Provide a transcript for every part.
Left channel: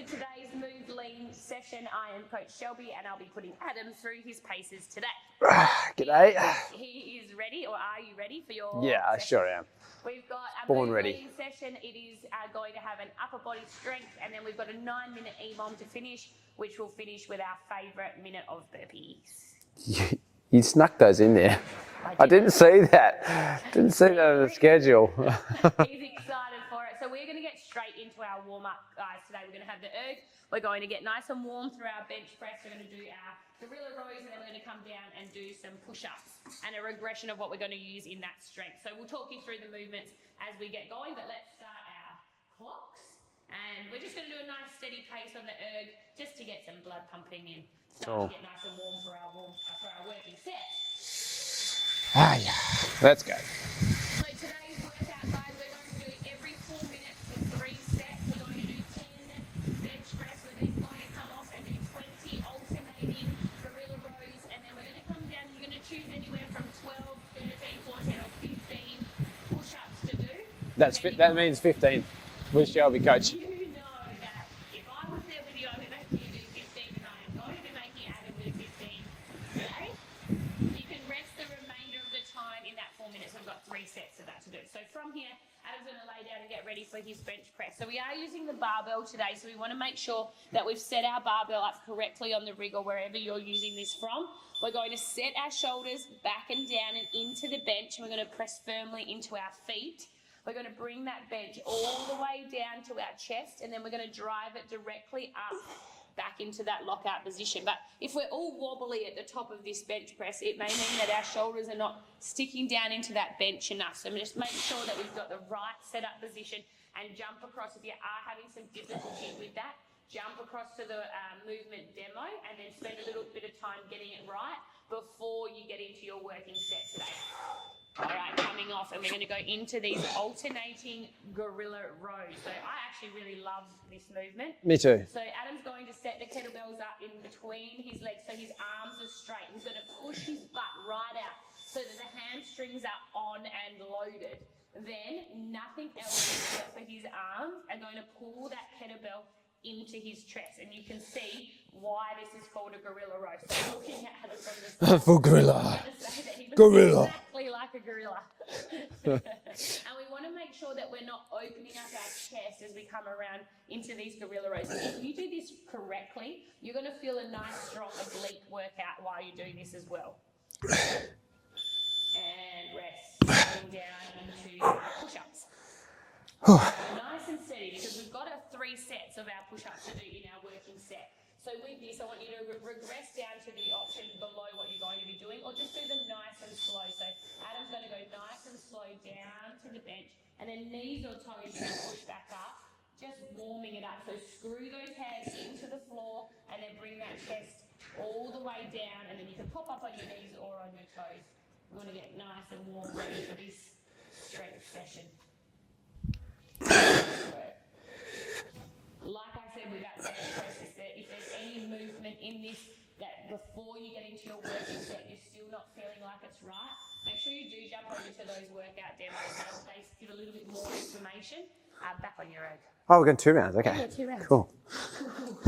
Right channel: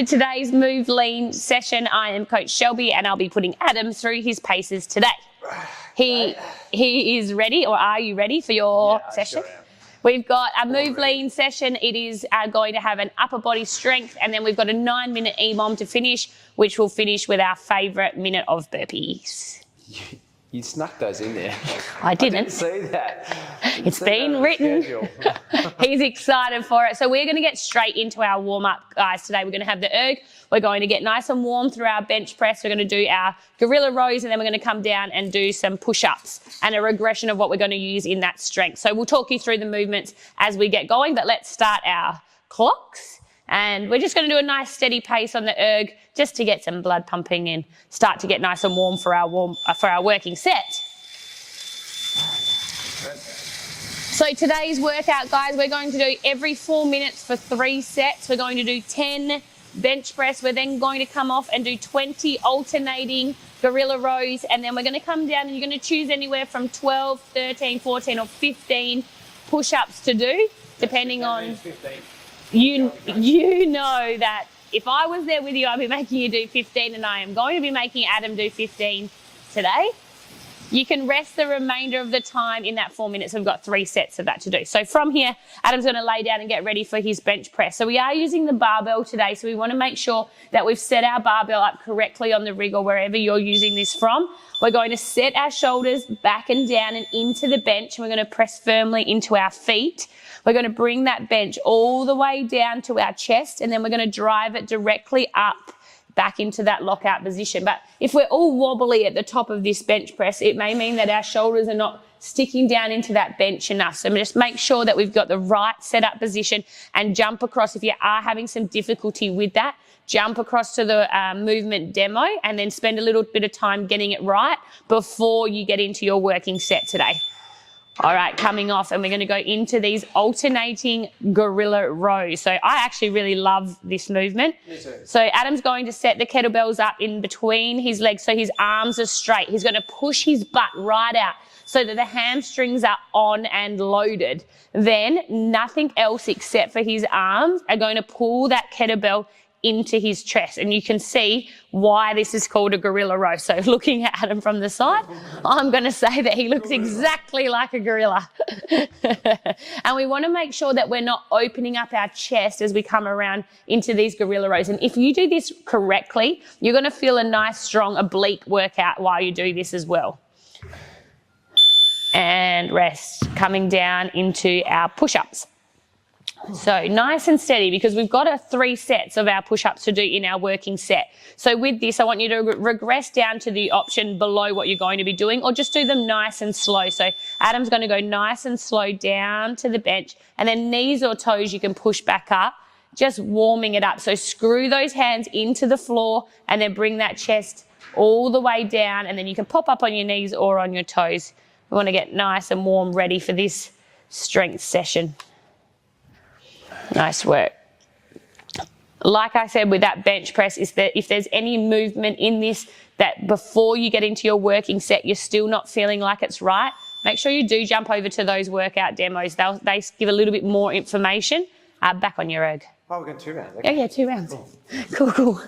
to today's Move Lean session. I am Coach Shelby and I'll be putting Adam through his paces today. He is ready, or are you ready for your session? Yeah, I sure am. We've got a Move Lean session. It is going to have an upper body strength, and then we've got a 9-minute EMOM to finish, which will finish with our favourite minute of burpees. You snuck those in there. I didn't see that. It's been written. Schedule. He's excited for it. So we're going to get straight into our warm-up, guys. Today we're going to have the erg. We're going to get nice and warm through our bench press. We're going to do our gorilla rows, and then we're going to come down and do some push-ups and a regression of what we're going to use in that strength. So we'll talk you through the movements as we get going, but let's start our clocks. And we're just going to do a nice steady pace on the erg just to get some blood pumping and start to get nice and warm for our working set. Let's go. So today's workout, guys, we're going to do every 4 minutes for 3 sets. We're going to do 10 bench press. We're then going to come off and do 20 alternating gorilla rows, and then we're going to come down and you're going to choose anywhere from 12, 13, 14 or 15 push-ups to do, depending on... That means 15. You know that if I was there with you, I'd be making you do 15, and I am going to be making Adam do 15 today. You can rest the remainder of the time in that 4 minutes. We've got 3 sets of that to do. So from here, Adam's going to lay down and get ready for his bench press. So we are using the barbell today, so we want to make sure that we've set our barbell up correctly on the rig or wherever you're using this from. We're going to set our shoulders back and down and into the bench, and we're going to press firmly into our feet. We're going to bring that bench all the way down to our chest, and then we're going to drive it directly up back into that lockout position. But if we're all wobbly at the top of this bench press, it may mean that our shoulders are not sticking down into that bench enough. So just make sure that we've got the right setup position and jump across. If you are having some difficulty with that, jump across to the movement demo and then spend a little bit of time getting it right before you get into your working set today. All right, coming off, and we're going to go into these alternating gorilla rows. So I actually really love this movement. Me too. So Adam's going to set the kettlebells up in between his legs so his arms are straight. He's going to push his butt right out so that the hamstrings are on and loaded. Then nothing else except for his arms are going to pull that kettlebell into his chest, and you can see why this is called a gorilla row. So looking at Adam from the side, I'm going to say that he looks exactly like a gorilla. And we want to make sure that we're not opening up our chest as we come around into these gorilla rows. And if you do this correctly, you're going to feel a nice strong oblique workout while you do this as well. And rest, coming down into our push-ups. So nice and steady, because we've got 3 sets of our push-ups to do in our working set. So with this, I want you to regress down to the option below what you're going to be doing, or just do them nice and slow. So Adam's going to go nice and slow down to the bench, and then knees or toes you can push back up, just warming it up. So screw those hands into the floor and then bring that chest all the way down, and then you can pop up on your knees or on your toes. We want to get nice and warm, ready for this strength session. Nice work. Like I said with that bench press, is that if there's any movement in this that before you get into your working set you're still not feeling like it's right, make sure you do jump over to those workout demos. They give a little bit more information. Back on your erg. Oh, we're going 2 rounds. Okay. Yeah, 2 rounds. Cool. Cool.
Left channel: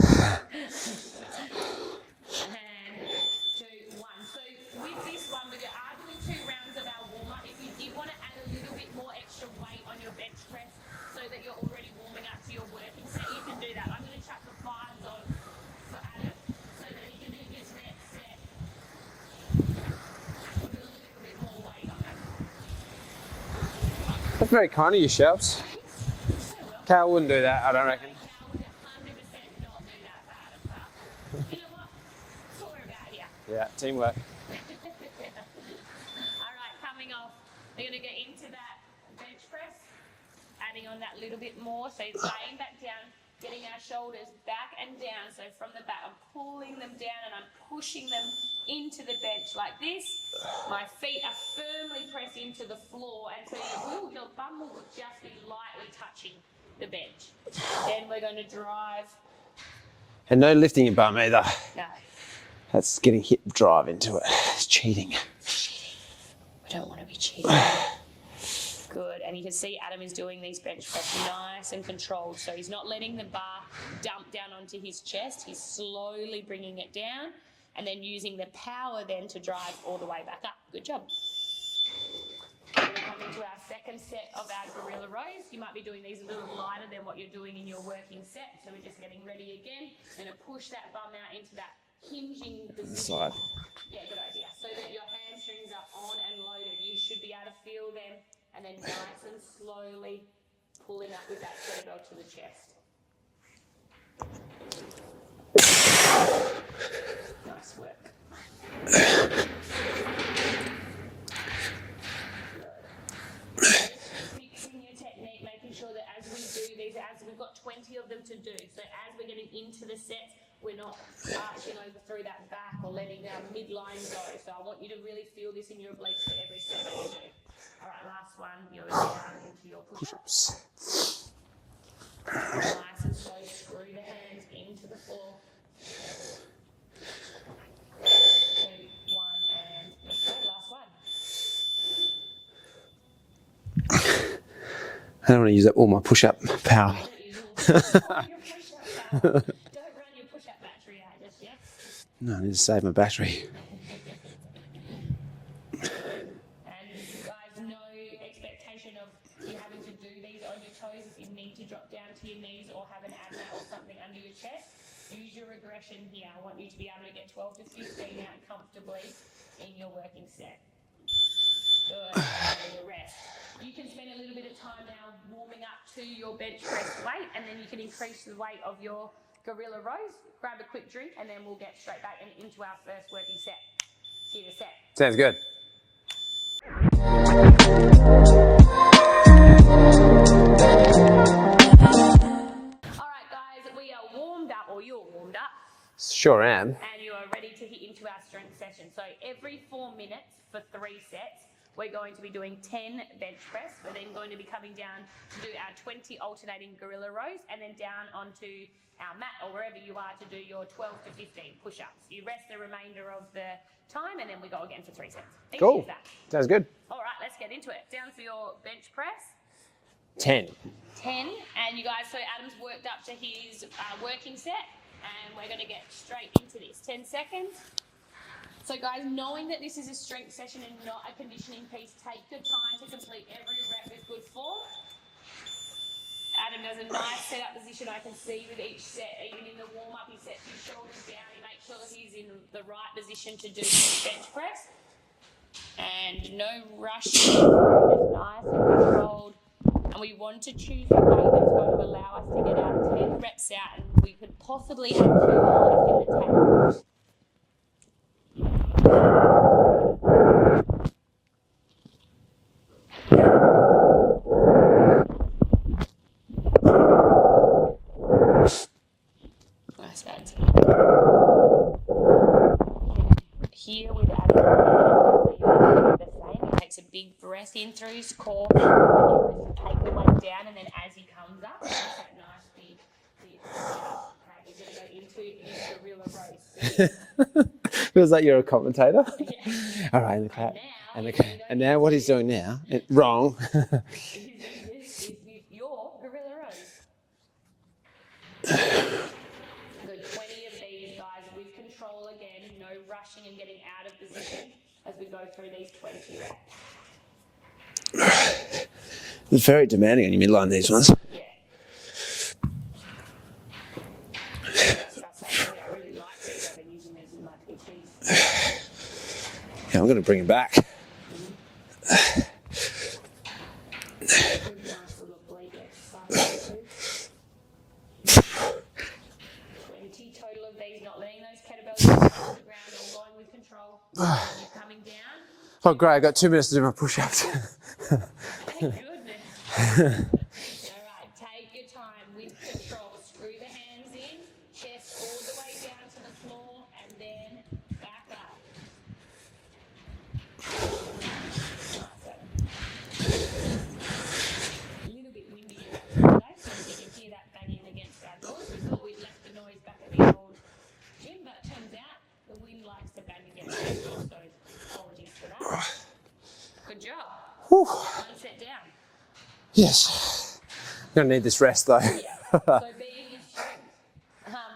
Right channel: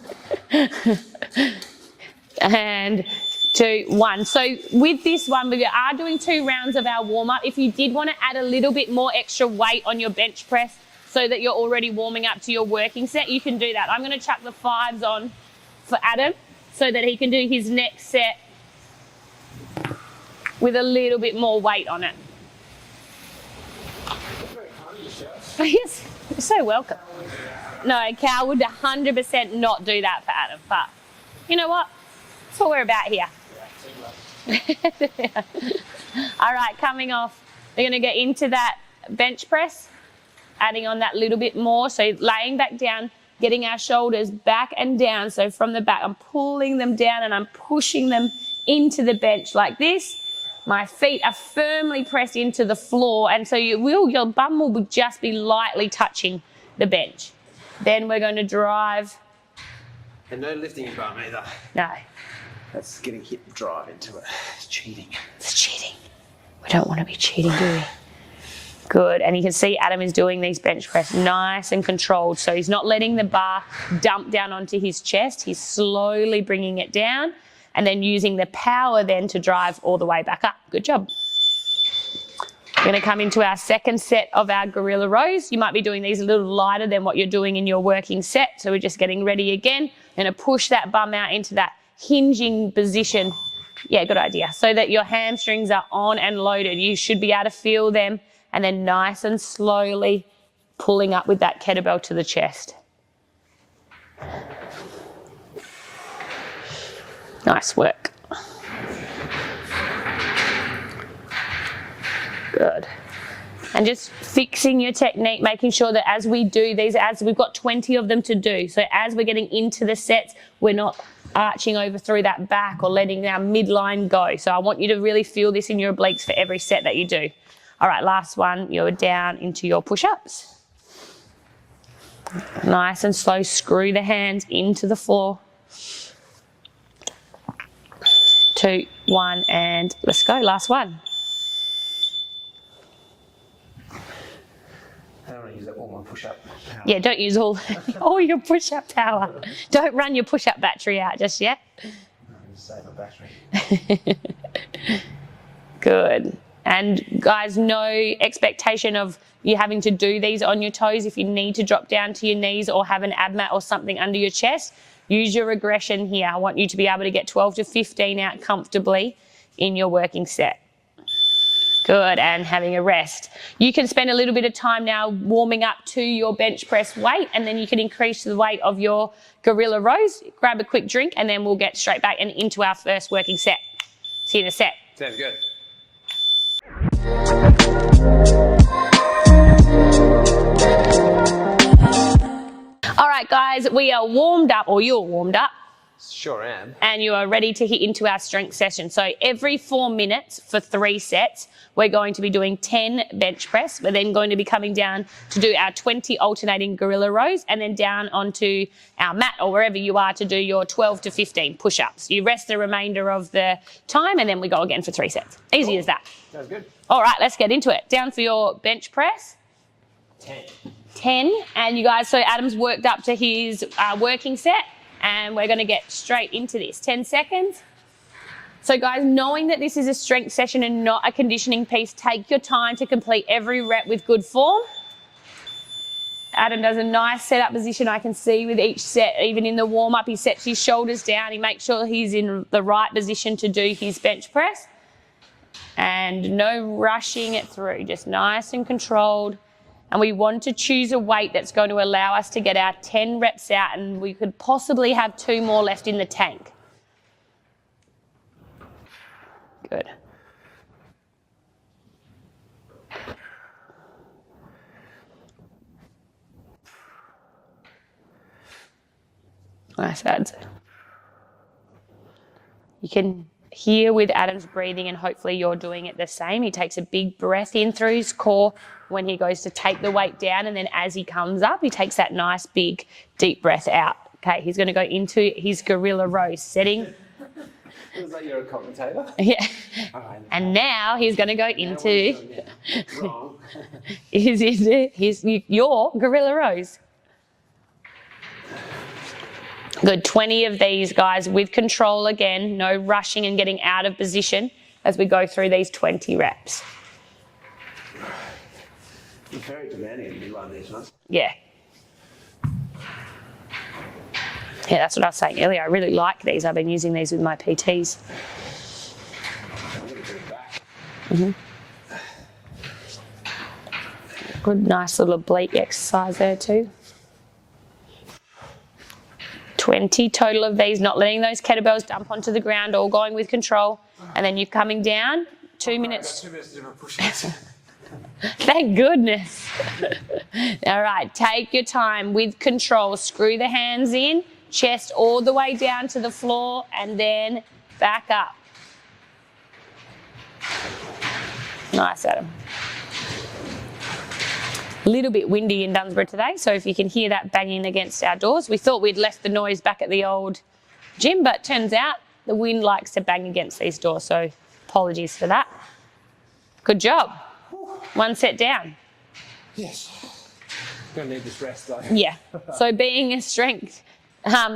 And 2, 1. So with this one, we are doing 2 rounds of our warm-up. If you did want to add a little bit more extra weight on your bench press so that you're already warming up to your working set, you can do that. I'm going to chuck the 5s on for Adam so that he can do his next set with a little bit more weight on it. That's very kind of you, Shelps. Yes, you're so welcome. Cal wouldn't do that, I don't know. No, Cal would 100% not do that for Adam, but you know what? That's what we're about here. Yeah, teamwork. All right, coming off, we're going to get into that bench press, adding on that little bit more. So laying back down, getting our shoulders back and down. So from the back, I'm pulling them down and I'm pushing them into the bench like this. My feet are firmly pressed into the floor, and so your bum will just be lightly touching the bench. Then we're going to drive. And no lifting your bum either. No. That's getting hip drive into it. It's cheating. It's cheating. We don't want to be cheating, do we? Good, and you can see Adam is doing these bench press nice and controlled. So he's not letting the bar dump down onto his chest. He's slowly bringing it down and then using the power then to drive all the way back up. Good job. We're going to come into our second set of our gorilla rows. You might be doing these a little lighter than what you're doing in your working set. So we're just getting ready again. We're going to push that bum out into that hinging position. Yeah, good idea. So that your hamstrings are on and loaded. You should be able to feel them. And then nice and slowly pulling up with that kettlebell to the chest. Nice work. Good. And just fixing your technique, making sure that as we do these, as we've got 20 of them to do, so as we're getting into the sets, we're not arching over through that back or letting our midline go. So I want you to really feel this in your obliques for every set that you do. All right, last one, you're down into your push-ups. Nice and slow, screw the hands into the floor. 2, 1, and let's go, last one. I don't want to use up all my push-up power. Yeah, don't use all your push-up power. Don't run your push-up battery out just yet. No, I need to save my battery. Good. And guys, no expectation of you having to do these on your toes. If you need to drop down to your knees or have an ab mat or something under your chest, use your regression here. I want you to be able to get 12 to 15 out comfortably in your working set. Good, and having a rest. You can spend a little bit of time now warming up to your bench press weight, and then you can increase the weight of your gorilla rows. Grab a quick drink, and then we'll get straight back and into our first working set. See you in a set. Sounds good. All right, guys, we are warmed up, or you're warmed up. Sure am. And you are ready to hit into our strength session. So every 4 minutes for 3 sets, we're going to be doing 10 bench press. We're then going to be coming down to do our 20 alternating gorilla rows, and then down onto our mat or wherever you are to do your 12 to 15 push-ups. You rest the remainder of the time, and then we go again for 3 sets. Easy as that. Sounds good. All right, let's get into it. Down for your bench press. 10. 10, and you guys, so Adam's worked up to his working set, and we're going to get straight into this. 10 seconds. So guys, knowing that this is a strength session and not a conditioning piece, take your time to complete every rep with good form. Adam does a nice setup position, I can see, with each set. Even in the warm-up, he sets his shoulders down. He makes sure he's in the right position to do his bench press. And no rushing it through, just nice and controlled. And we want to choose a weight that's going to allow us to get our 10 reps out, and we could possibly have 2 more left in the tank. Good. Nice, ads. You can hear with Adam's breathing, and hopefully you're doing it the same. He takes a big breath in through his core when he goes to take the weight down, and then as he comes up, he takes that nice big deep breath out. Okay, he's going to go into his gorilla row setting. Feels like you're a commentator. Yeah. All right. And now he's going to go into... Now what he's doing now? Wrong. Your gorilla rows. Good, 20 of these, guys, with control again. No rushing and getting out of position as we go through these 20 reps. You're very demanding on your midline, these ones. Yeah. Yeah, that's what I was saying earlier. I really like these. I've been using these with my PTs. Yeah, I'm going to bring it back. Good, nice little oblique exercise there too. 20 total of these, not letting those kettlebells drop onto the ground, all going with control. And then you're coming down. 2 minutes. Great, I've got 2 minutes to do my push-ups. Thank goodness. All right, take your time with control. Screw the hands in, chest all the way down to the floor, and then back up. Nice, Adam. A little bit windy in Dunsborough today, so if you can hear that banging against our doors. We thought we'd left the noise back at the old gym, but turns out the wind likes to bang against these doors, so apologies for that. Good job. Whew. 1 set down. Yes. Gonna need this rest though. Yeah. So being a strength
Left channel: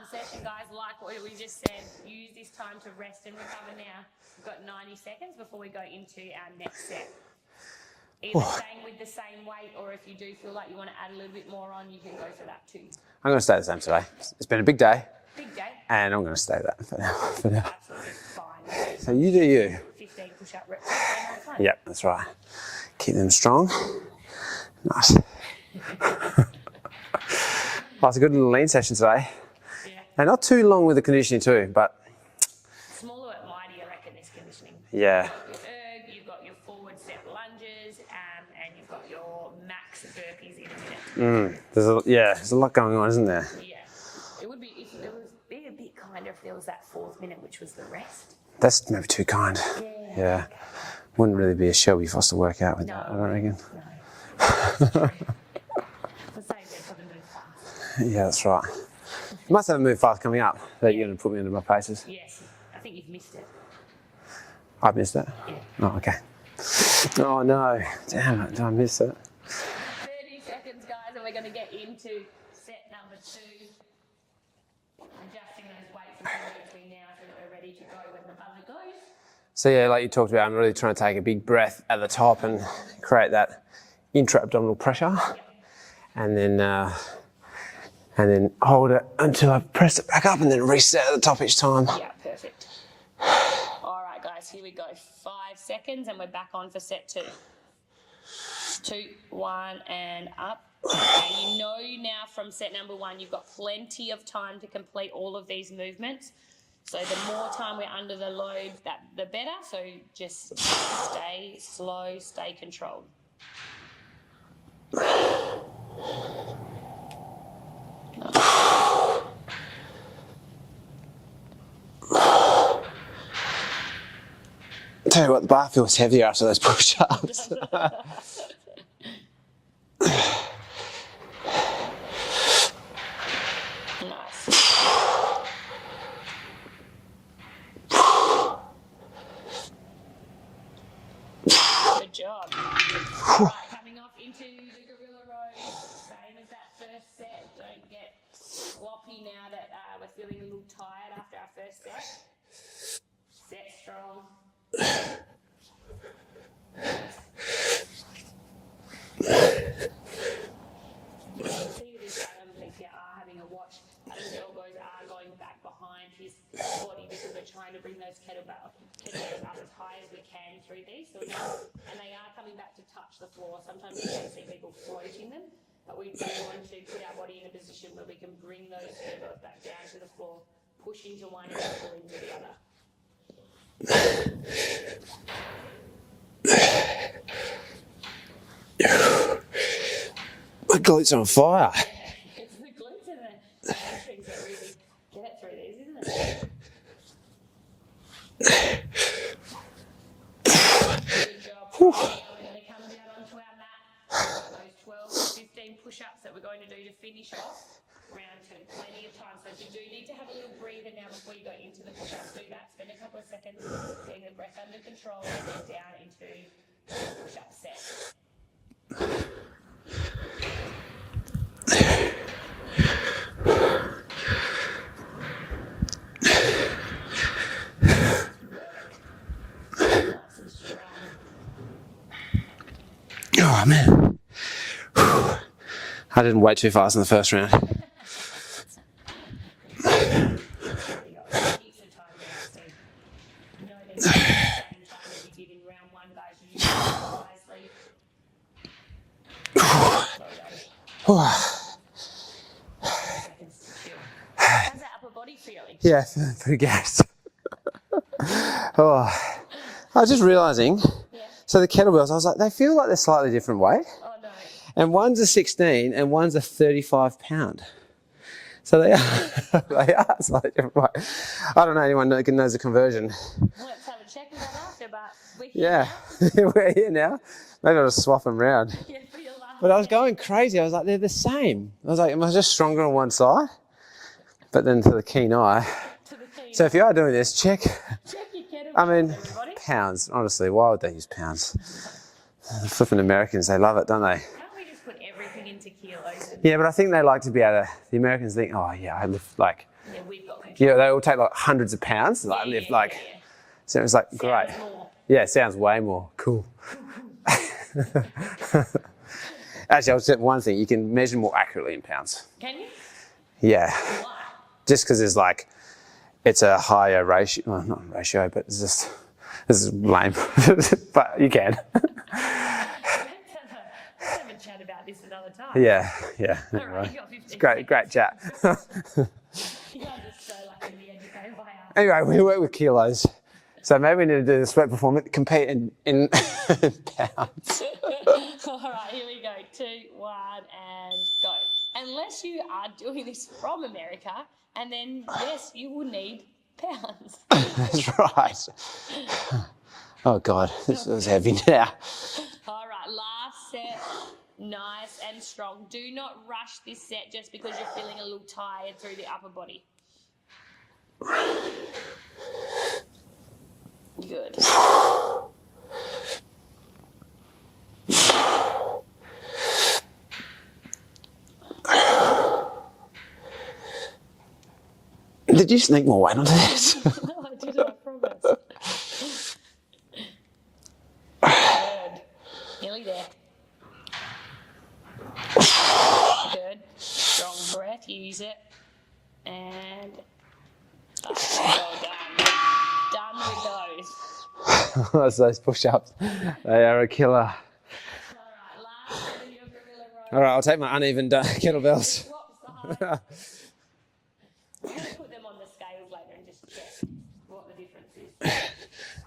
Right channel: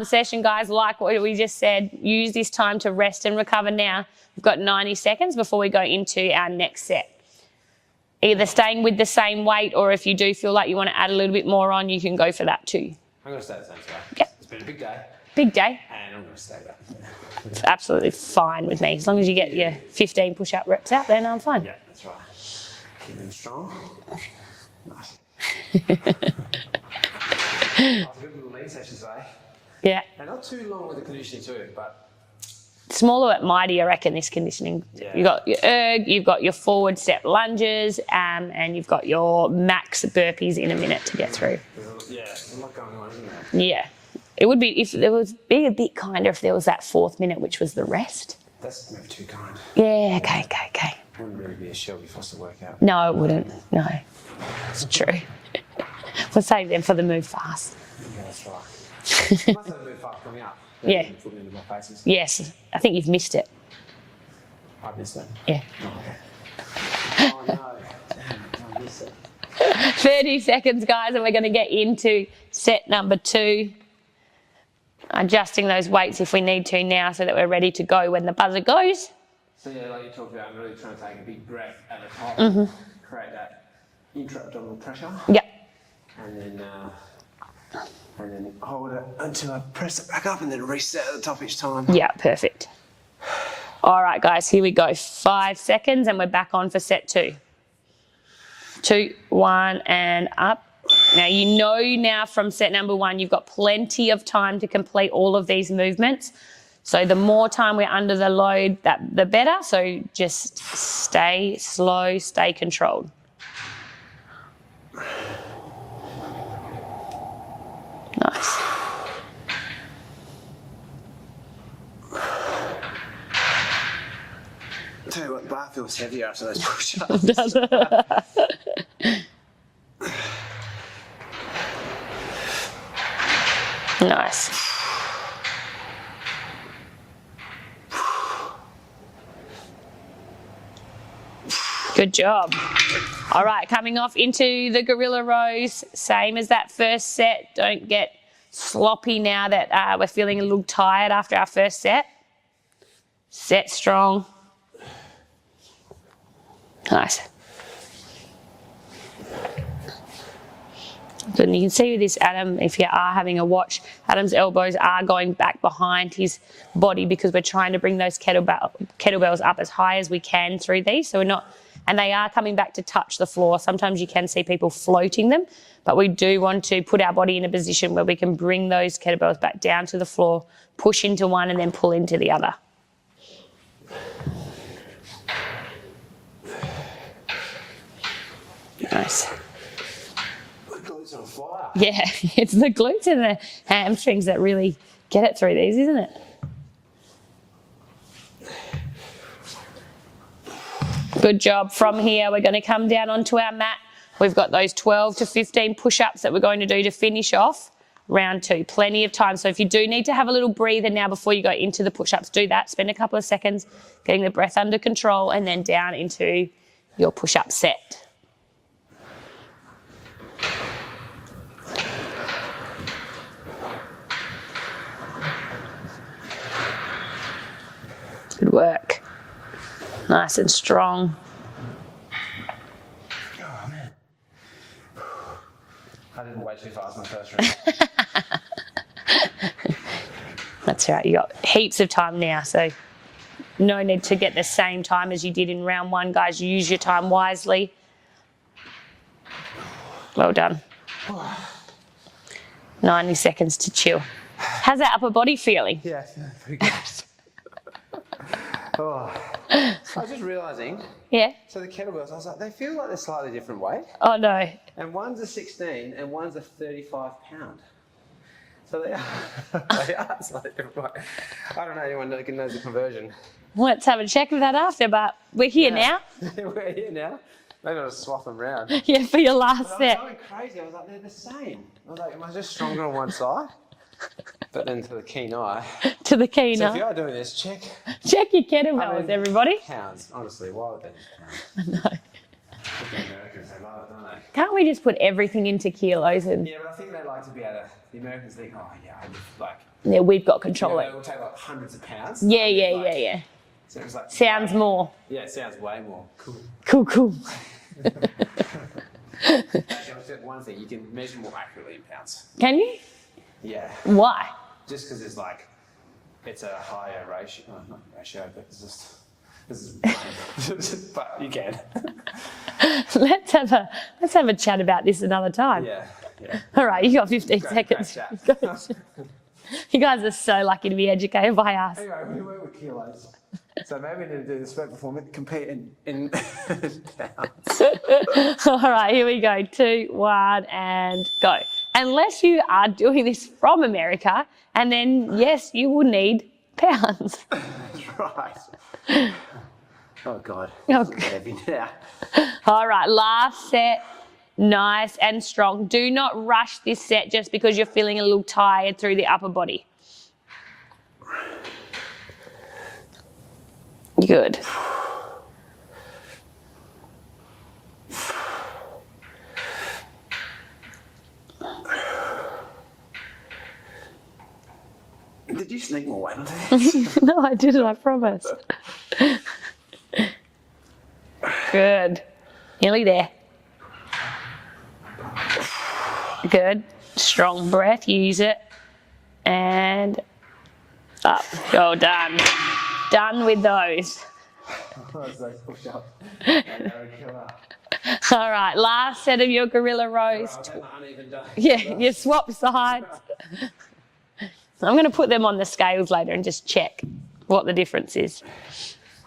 session, guys, like what we just said, use this time to rest and recover now. We've got 90 seconds before we go into our next set. Either staying with the same weight, or if you do feel like you want to add a little bit more on, you can go for that too. I'm going to stay the same today. Yep. It's been a big day. Big day. And I'm going to stay that for now. It's absolutely fine with me. As long as you get your 15 push-up reps out, then I'm fine. Yeah, that's right. Keep them strong. Nice. Oh, it's a good little lean session today. Yeah. And not too long with the conditioning too, but... Smaller but mighty, I reckon, this conditioning. Yeah. You've got your erg, you've got your forward step lunges, and you've got your max burpees in a minute to get through. There's a lot going on, isn't there? Yeah. It would be, if there was, be a bit kinder if there was that 4th minute, which was the rest. That's maybe too kind. Yeah, okay. Wouldn't really be a Shelby Foster workout. No, it wouldn't. No. It's true. We'll save them for the move fast. Yeah, that's right. I must have a move fast coming up. That Yeah. You're going to put me into my paces. Yes. I think you've missed it. I've missed it? Yeah. Oh, okay. Oh, no. Damn it. Did I miss it? 30 seconds, guys, and we're going to get into set number 2. Adjusting those weights if we need to now so that we're ready to go when the buzzer goes. So, yeah, like you talked about, I'm really trying to take a big breath at the top and create that intra-abdominal pressure. Yep. And then hold it until I press it back up and then reset at the top each time. Yeah, perfect. All right, guys, here we go. 5 seconds and we're back on for set 2. 2, 1, and up. Now, you know now from set number 1, you've got plenty of time to complete all of these movements. So the more time we're under the load, the better. So just stay slow, stay controlled. Nice. I'll tell you what, the bar feels heavier after those push-ups. Nice. Good job. All right, coming off into the gorilla rows, same as that first set. Don't get sloppy now that we're feeling a little tired after our first set. Set strong. Nice. So you can see with this Adam, if you are having a watch, Adam's elbows are going back behind his body because we're trying to bring those kettlebells up as high as we can through these. So we're not, and they are coming back to touch the floor. Sometimes you can see people floating them, but we do want to put our body in a position where we can bring those kettlebells back down to the floor, push into one and then pull into the other. My glutes are on fire. Yeah, it's the glutes and the hamstrings that really get it through these, isn't it? Good job. From here, we're going to come down onto our mat. We've got those 12 to 15 push-ups that we're going to do to finish off round 2. Plenty of time. So if you do need to have a little breather now before you go into the push-ups, do that. Spend a couple of seconds getting the breath under control and then down into your push-up set. Good work. Nice and strong. Oh, man. I didn't wait too fast in the first round. That's right. You got heaps of time now, so no need to get the same time as you did in round 1, guys. Use your time wisely. Well done. 90 seconds to chill. How's that upper body feeling? Yeah, pretty good. I was just realising. Yeah. So the kettlebells, I was like, they feel like they're slightly different weight. Oh, no. And one's a 16 and one's a 35 pound. So they are slightly different weight. I don't know anyone that knows the conversion. Let's have a check of that after, but we're here now. We're here now. Maybe I'll just swap them around. Yeah, for your last But I was set. going crazy. I was like, they're the same. I was like, am I just stronger on one side? But then to the keen eye. To the keen So eye. if you are doing this, check Check your kettlebells, everybody. Pounds. Honestly, why would they use pounds? Flipping Americans, they love it, don't they? Can't we just put everything into kilos? And Yeah, but I think they like to be able to, the Americans think, oh yeah, I lift like, yeah, we've got control. yeah, they all take like hundreds of pounds. Yeah, like, lift, like, yeah. So it's like, Sounds great. more. Yeah, it sounds way more. Cool. Cool. Actually, I'll say one thing, you can measure more accurately in pounds. Can you? Yeah. Why? Just because there's like, it's a higher ratio, well, not ratio, but it's just, this is lame, but you can. Let's have a chat about this another time. Yeah. All right, you got 15 seconds. Great chat. You guys are so lucky to be educated by us. Anyway, we work with kilos. So maybe we need to do the sweat performance, compete in pounds. All right, here we go. 2, 1, and go. Unless you are doing this from America, and then, yes, you will need pounds. That's right. Oh, God. This is heavy now. All right, last set. Nice and strong. Do not rush this set just because you're feeling a little tired through the upper body. Good. Did you sneak more weight onto this? No, I didn't, I promise. Good. Nearly there. Good. Strong breath, use it. And up. Go, done. Done with those. That's those push-ups. They are a killer. All right, last set of your gorilla rows. All right, I'll take my uneven Yeah, kettlebells. you swap sides. I'm going to put them on the scales later and just check what the difference is.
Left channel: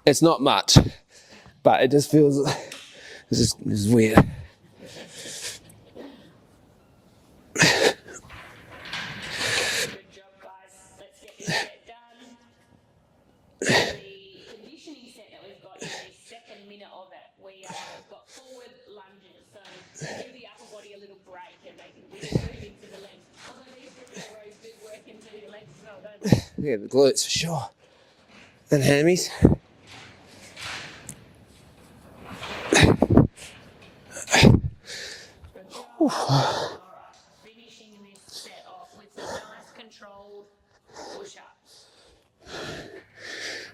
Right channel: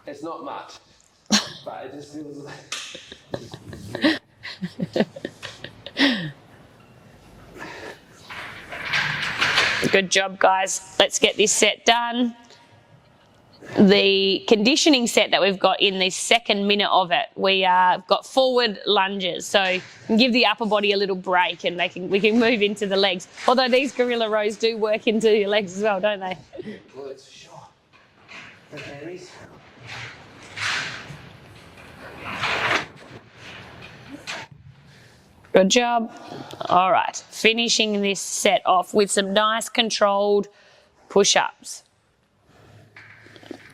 It's not much, but it just feels, it's weird. Good job, guys. Let's get this set done. The conditioning set that we've got in the second minute of it, we got forward lunges, so give the upper body a little break, and we can move into the legs. Although these gorilla rows do work into your legs as well, don't they? Yeah, the glutes for sure. And hammies. Good job. All right, finishing this set off with some nice controlled push-ups.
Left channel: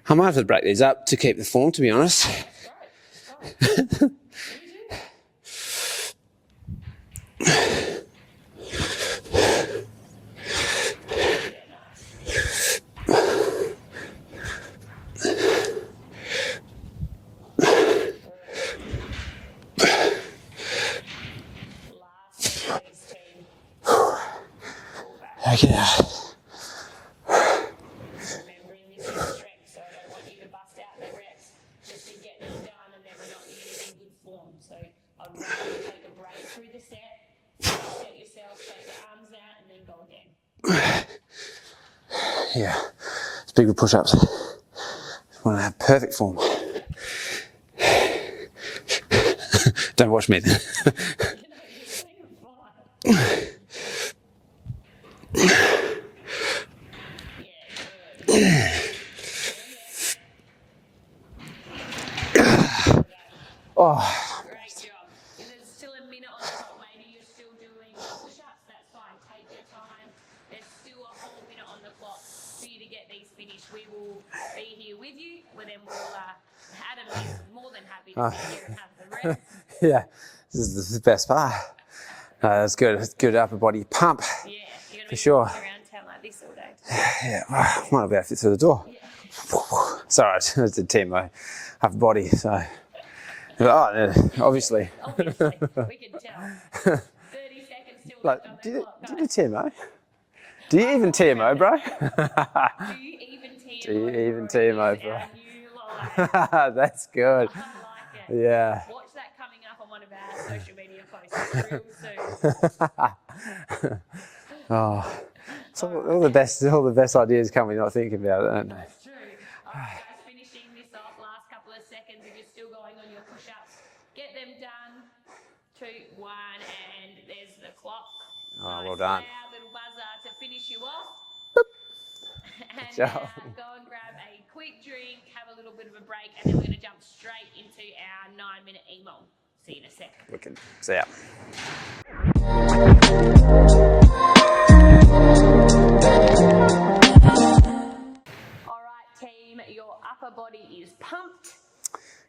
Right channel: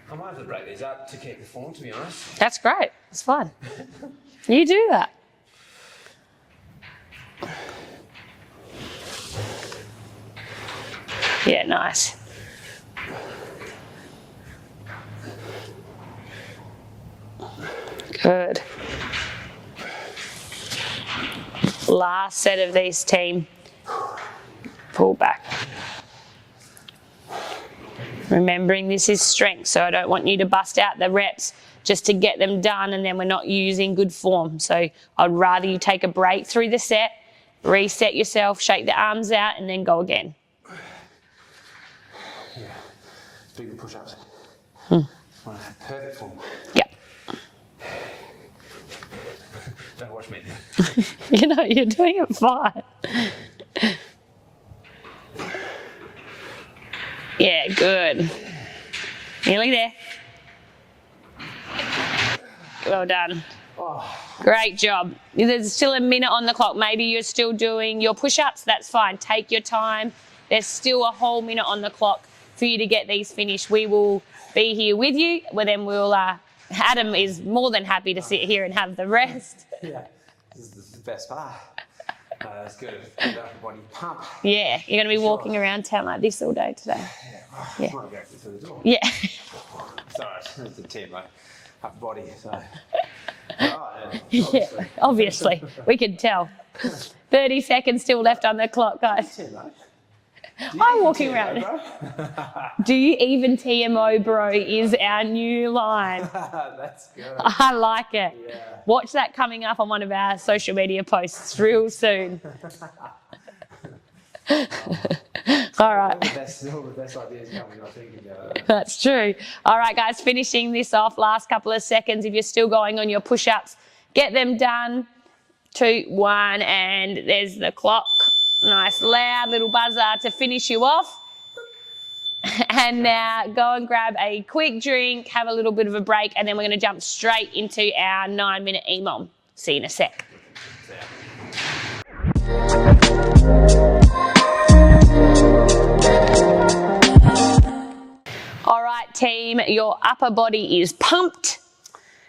I might have to break these up to keep the form, to be honest. That's great. It's fun. You do that. Yeah, nice. Good. Last set of these, team. Pull back. Okay. Remembering this is strength, so I don't want you to bust out the reps just to get them done and then we're not using good form. So I'd rather you take a break through the set, reset yourself, shake the arms out, and then go again. Yeah, it's big with push-ups. Want to have perfect form. Yep. Don't watch me then. You know, you're doing it fine. Yeah, good. Nearly there. Well done. Oh, Great job. There's still a minute on the clock. Maybe you're still doing your push-ups. That's fine. Take your time. There's still a whole minute on the clock for you to get these finished. We will be here with you. Well, then we'll, Adam is more than happy to sit here and have the rest. yeah, this is the best part. That's good. It's good upper body pump. Yeah, you're going to be For walking sure. around town like this all day today. Yeah, might not be able to fit through the door. Yeah. Sorry, it's the TMO upper body, so. Oh, yeah, obviously. Yeah, obviously. We can tell. 30 seconds still left on the clock, guys. TMO? Do you I'm even walking TMO, around. bro? Do you even TMO, Do you bro, even TMO, is bro? our new line. That's good. I like it. Yeah. Watch that coming up on one of our social media posts real soon. Oh. All right. All the best ideas come when you're not thinking about it. That's true. All right, guys, finishing this off, last couple of seconds. If you're still going on your push-ups, get them done. 2, 1, and there's the clock. Nice, well done. loud little buzzer to finish you off. And now go and grab a quick drink, have a little bit of a break, and then we're going to jump straight into our 9-minute EMOM. See you in a sec. See ya. All right, team, your upper body is pumped.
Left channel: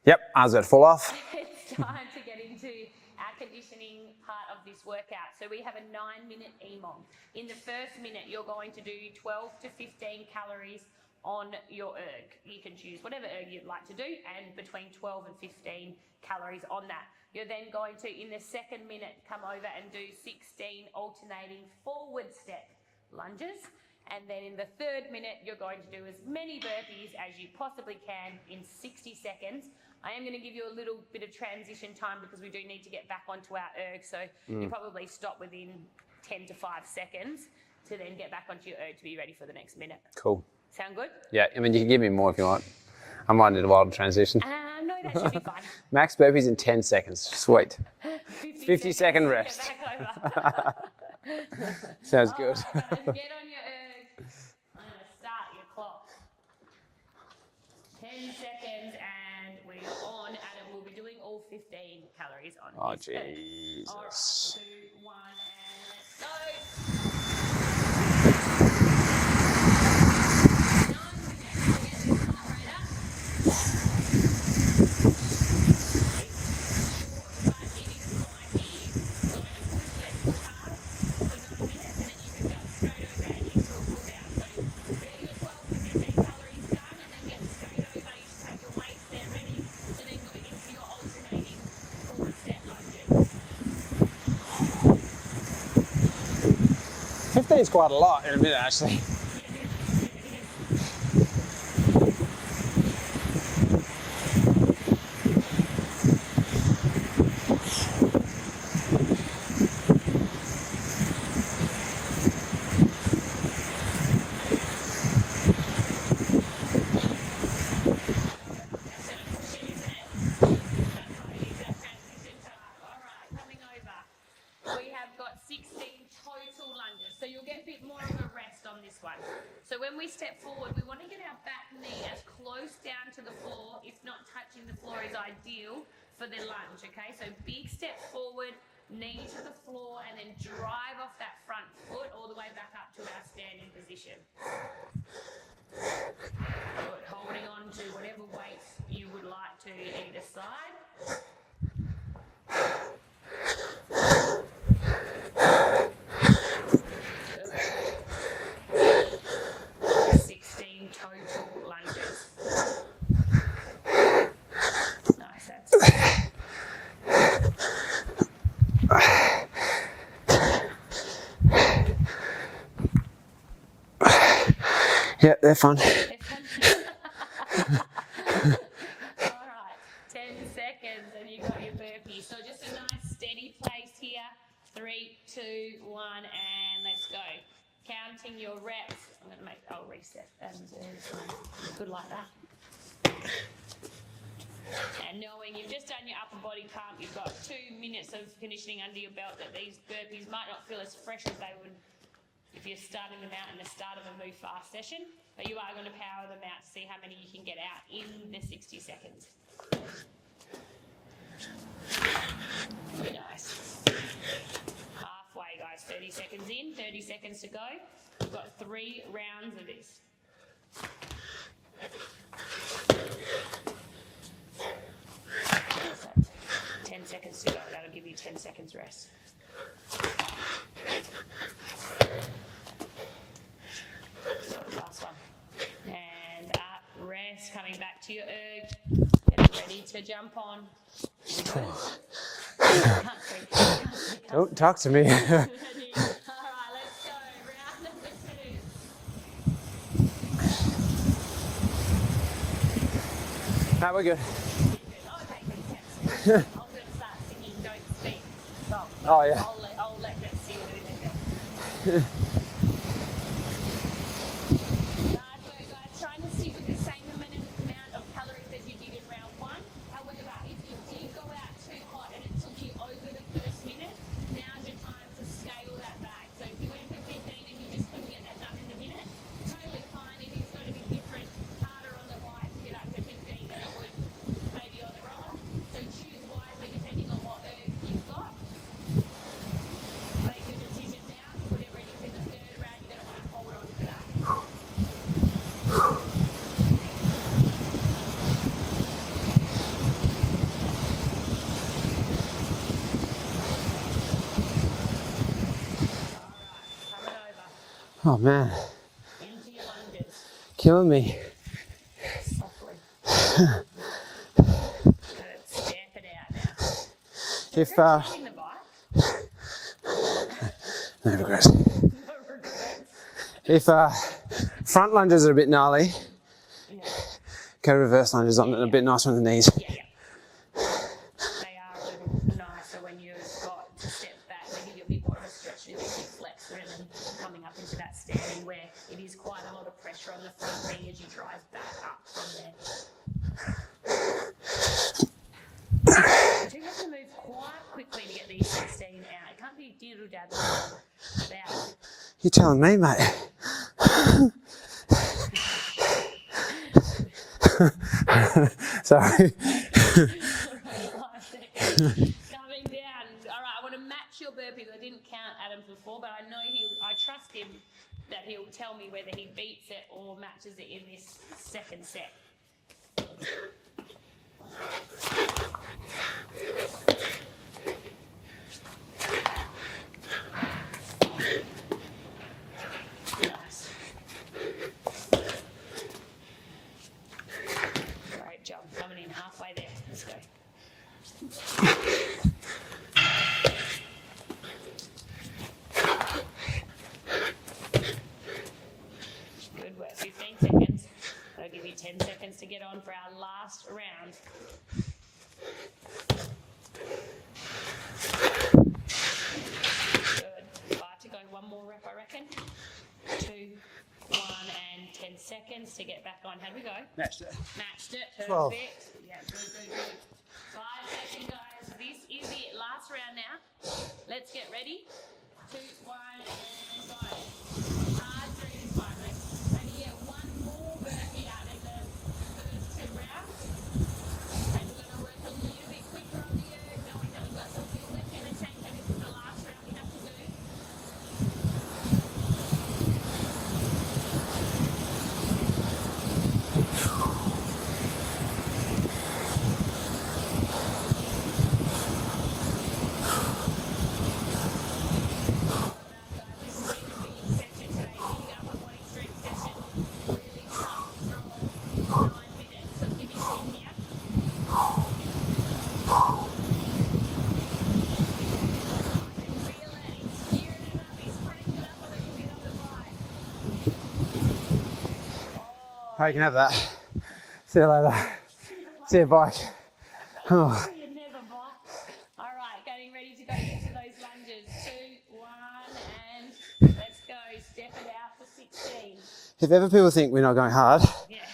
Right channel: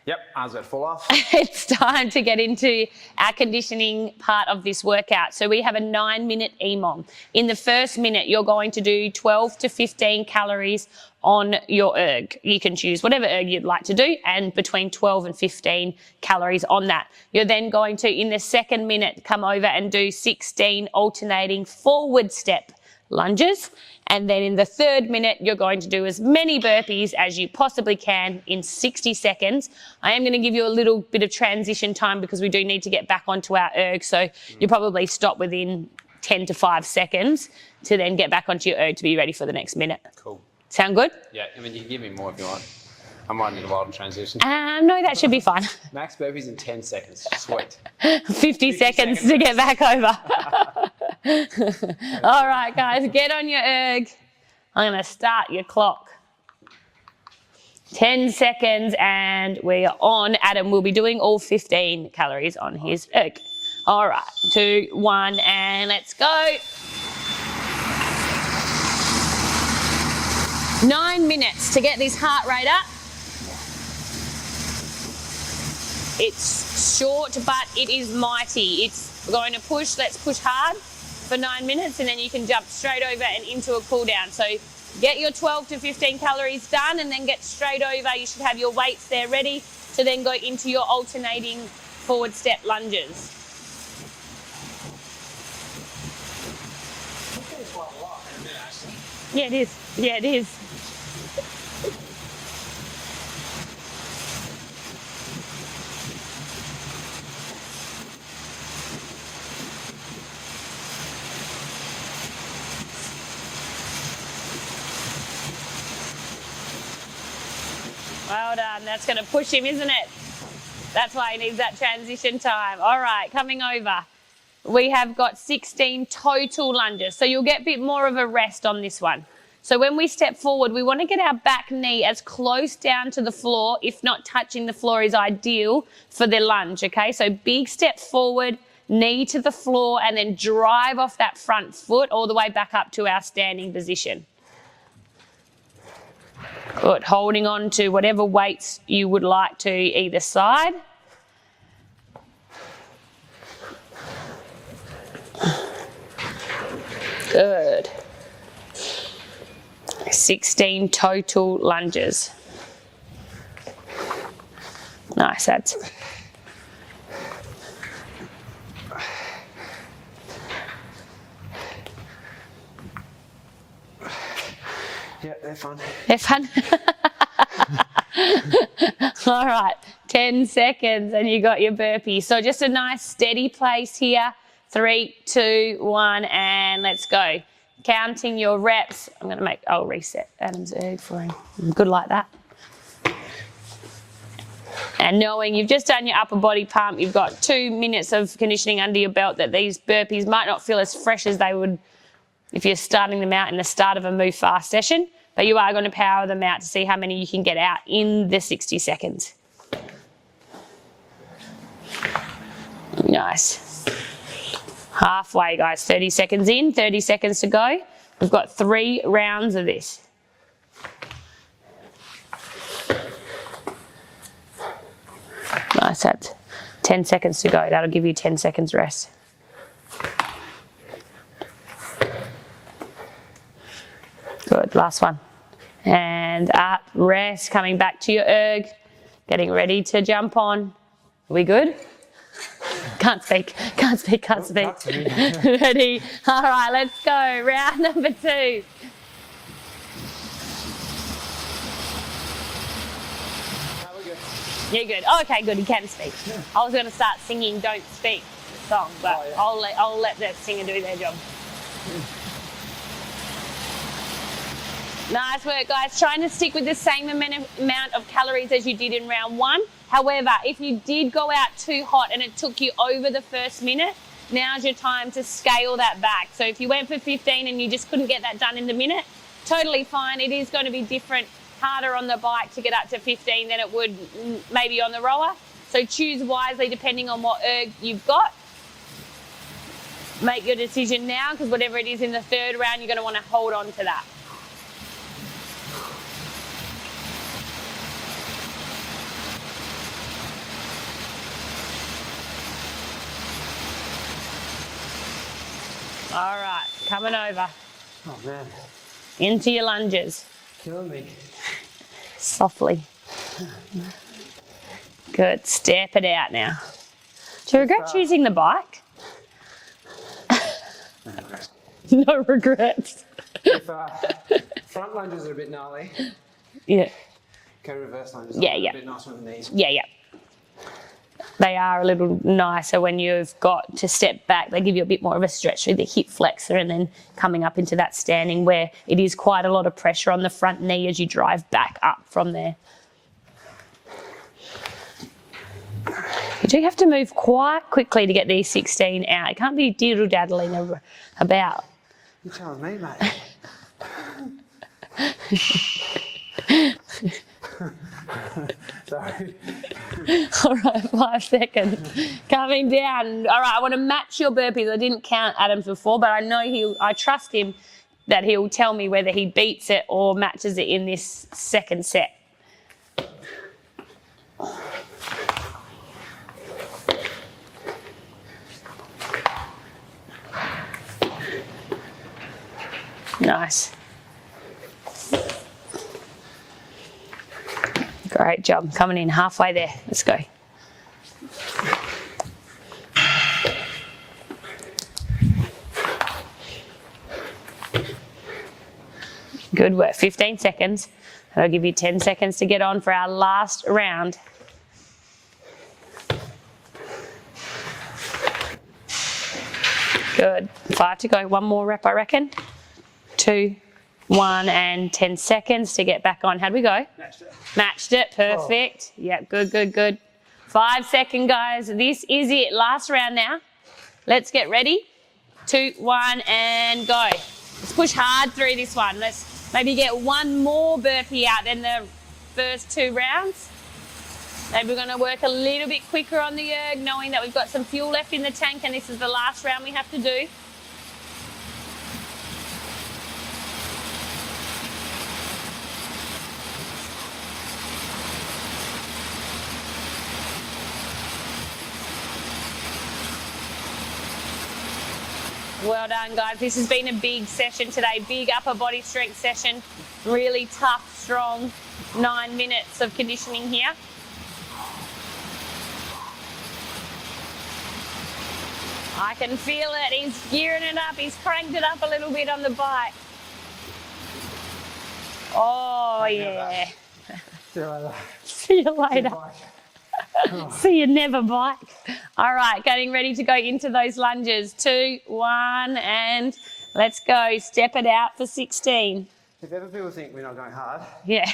Yep, eyes are full off. It's time to get into our conditioning part of this workout. So we have a 9-minute EMOM. In the first minute, you're going to do 12 to 15 calories on your erg. You can choose whatever erg you'd like to do, and between 12 and 15 calories on that. You're then going to, in the second minute, come over and do 16 alternating forward step lunges. And then in the third minute, you're going to do as many burpees as you possibly can in 60 seconds. I am going to give you a little bit of transition time because we do need to get back onto our erg. So you probably stop within 10 to 5 seconds to then get back onto your erg to be ready for the next minute. Cool. Sound good? Yeah, I mean, you can give me more if you want. I might need a while to transition. No, that should be fine. Max burpees in 10 seconds. Sweet. 50 seconds to get back over. All right, guys, get on your erg. I'm going to start your clock. 10 seconds and we are on. Adam will be doing all 15 calories on his erg. All right, 2, 1, and let's go. 9 minutes to get this heart rate up. It's short, but it is mighty. It's going to push. Let's push hard for 9 minutes, and then you can jump straight over and into a cool down. So get your 12 to 15 calories done, and then get straight over. You should have your weights there ready to then go into your alternating forward step lunges. 15 is quite a lot in a minute, actually. Yeah, it is. Yeah, it is. Well done. That's going to push him, isn't it? That's why he needs that transition time. All right, coming over. We have got 16 total lunges. So you'll get a bit more of a rest on this one. So when we step forward, we want to get our back knee as close down to the floor, if not touching the floor is ideal for the lunge, okay? So big step forward, knee to the floor, and then drive off that front foot all the way back up to our standing position. Good, holding on to whatever weights you would like to either side. Good. 16 total lunges. Nice, that's it. Yeah, they're fun. They're fun. All right, 10 seconds and you got your burpee. So just a nice steady place here. 3, 2, 1, and let's go. Counting your reps. I'll reset Adam's erg for him. Good like that. And knowing you've just done your upper body pump, you've got 2 minutes of conditioning under your belt, that these burpees might not feel as fresh as they would if you're starting them out in the start of a move fast session, but you are going to power them out to see how many you can get out in the 60 seconds. Nice. Halfway, guys. 30 seconds in, 30 seconds to go. We've got 3 rounds of this. Nice, that's 10 seconds to go. That'll give you 10 seconds rest. Good, last one. And up, rest, coming back to your erg, getting ready to jump on. Are we good? Can't speak. Talk to me. Ready? All right, let's go. Round number 2. No, we're good. You're good. Oh, okay, good. He can speak. I was going to start singing "Don't Speak" song, but I'll let the singer do their job. Nice work, guys. Trying to stick with the same amount of calories as you did in round 1. However, if you did go out too hot and it took you over the first minute, now's your time to scale that back. So if you went for 15 and you just couldn't get that done in the minute, totally fine. It is going to be different, harder on the bike to get up to 15 than it would maybe on the rower. So So choose wisely depending on what erg you've got. Make your decision now, because whatever it is in the third round, you're going to want to hold on to that. All right, coming over. Oh man. Into your lunges. Killing me. Softly. Good, step it out now. Do you regret choosing the bike? No regrets. No regrets. If front lunges are a bit gnarly, Yeah. go reverse lunges. Yeah, A bit nicer on the knees. Yeah, yeah. They are a little nicer when you've got to step back. They give you a bit more of a stretch through the hip flexor, and then coming up into that standing where it is quite a lot of pressure on the front knee as you drive back up from there. You do have to move quite quickly to get these 16 out. It can't be diddle-daddling about. You're telling me, mate. Sorry. All right, 5 seconds. Coming down. All right, I want to match your burpees. I didn't count Adam's before, but I know I trust him that he'll tell me whether he beats it or matches it in this second set. Nice. Great job. Coming in halfway there. Let's go. Good work. 15 seconds. I'll give you 10 seconds to get on for our last round. Good. 5 to go. One more rep, I reckon. 2, 1, and 10 seconds to get back on. How'd we go? Matched it. Matched it. Perfect. Oh. Yeah, good, good, good. 5 seconds, guys. This is it. Last round now. Let's get ready. 2, 1, and go. Let's push hard through this one. Let's maybe get one more burpee out than the first 2 rounds. Maybe we're going to work a little bit quicker on the erg, knowing that we've got some fuel left in the tank and this is the last round we have to do. Well done, guys. This has been a big session today, big upper body strength session. Really tough, strong 9 minutes of conditioning here. I can feel it. He's gearing it up. He's cranked it up a little bit on the bike. Oh, I can have that. See you later. See you later. See you, bike. Oh. See you never, bike. All right, getting ready to go into those lunges. 2, 1, and let's go. Step it out for 16. If ever people think we're not going hard, yeah.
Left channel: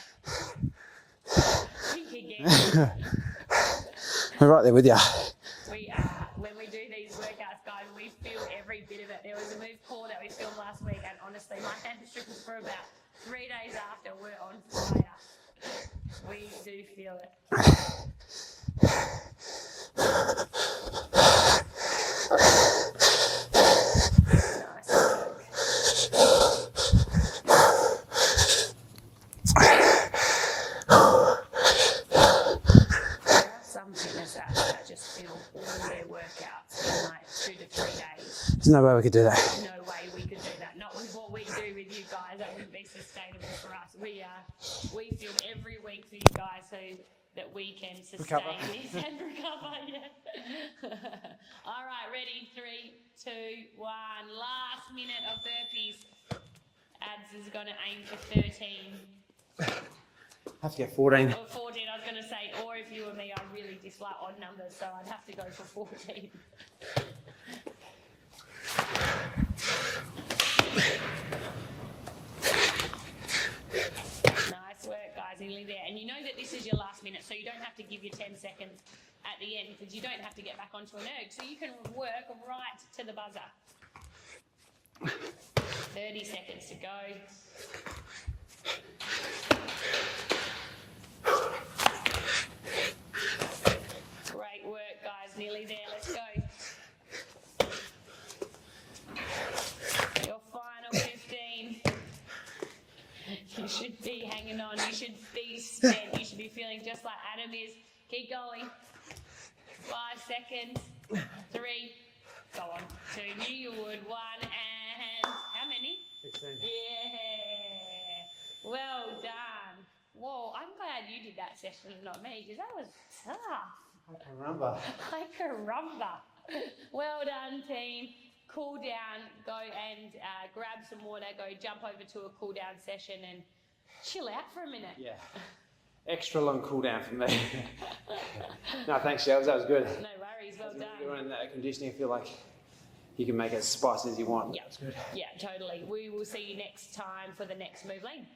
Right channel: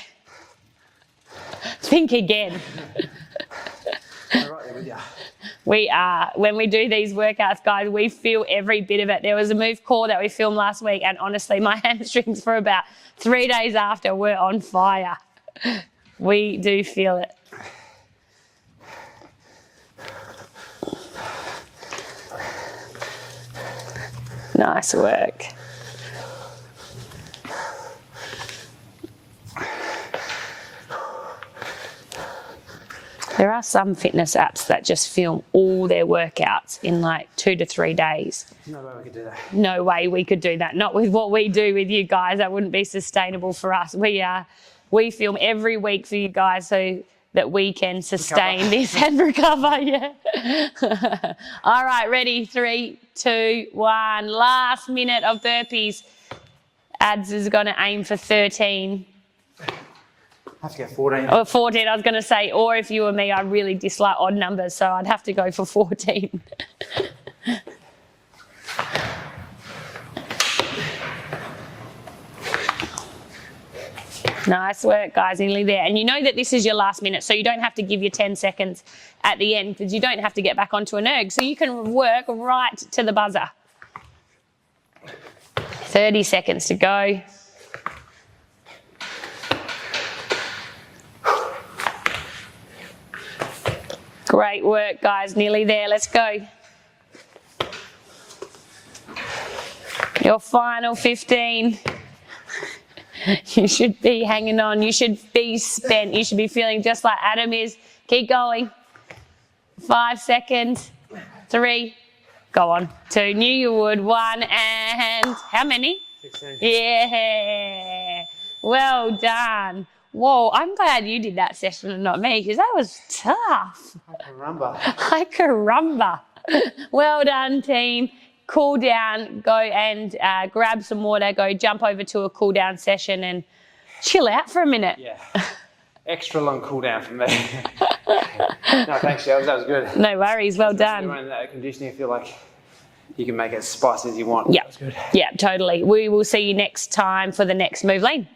Think again. we're right there with you. We are. When we do these workouts, guys, we feel every bit of it. There was a move core that we filmed last week, and honestly, my hamstrings for about 3 days after were on fire. We do feel it. Nice work. There are some fitness apps that just film all their workouts in like 2 to 3 days. There's no way we could do that. No way we could do that. Not with what we do with you guys. That wouldn't be sustainable for us. We film every week for you guys so that we can sustain this and recover. Yeah. All right, ready? 3, 2, 1. Last minute of burpees. Ads is going to aim for 13. I have to go 14. Or 14, I was going to say, or if you were me, I really dislike odd numbers, so I'd have to go for 14. Nice work, guys, nearly there. And you know that this is your last minute, so you don't have to give your 10 seconds at the end because you don't have to get back onto an erg, so you can work right to the buzzer. 30 seconds to go. Great work, guys. Nearly there. Let's go. Your final 15. You should be hanging on. You should be spent. You should be feeling just like Adam is. Keep going. 5 seconds. 3. Go on. 2. Knew you would. 1 and how many? 16. Yeah. Well done. Whoa, I'm glad you did that session and not me because that was tough. Like a rumba. Well done, team. Cool down. Go and grab some water. Go jump over to a cool down session and chill out for a minute. Yeah. Extra long cool down for me. No, thanks, Shells. That was good. No worries. Well done. When that conditioning, I feel like you can make it as spicy as you want. Yeah. That was good. Yeah, totally. We will see you next time for the next move lean.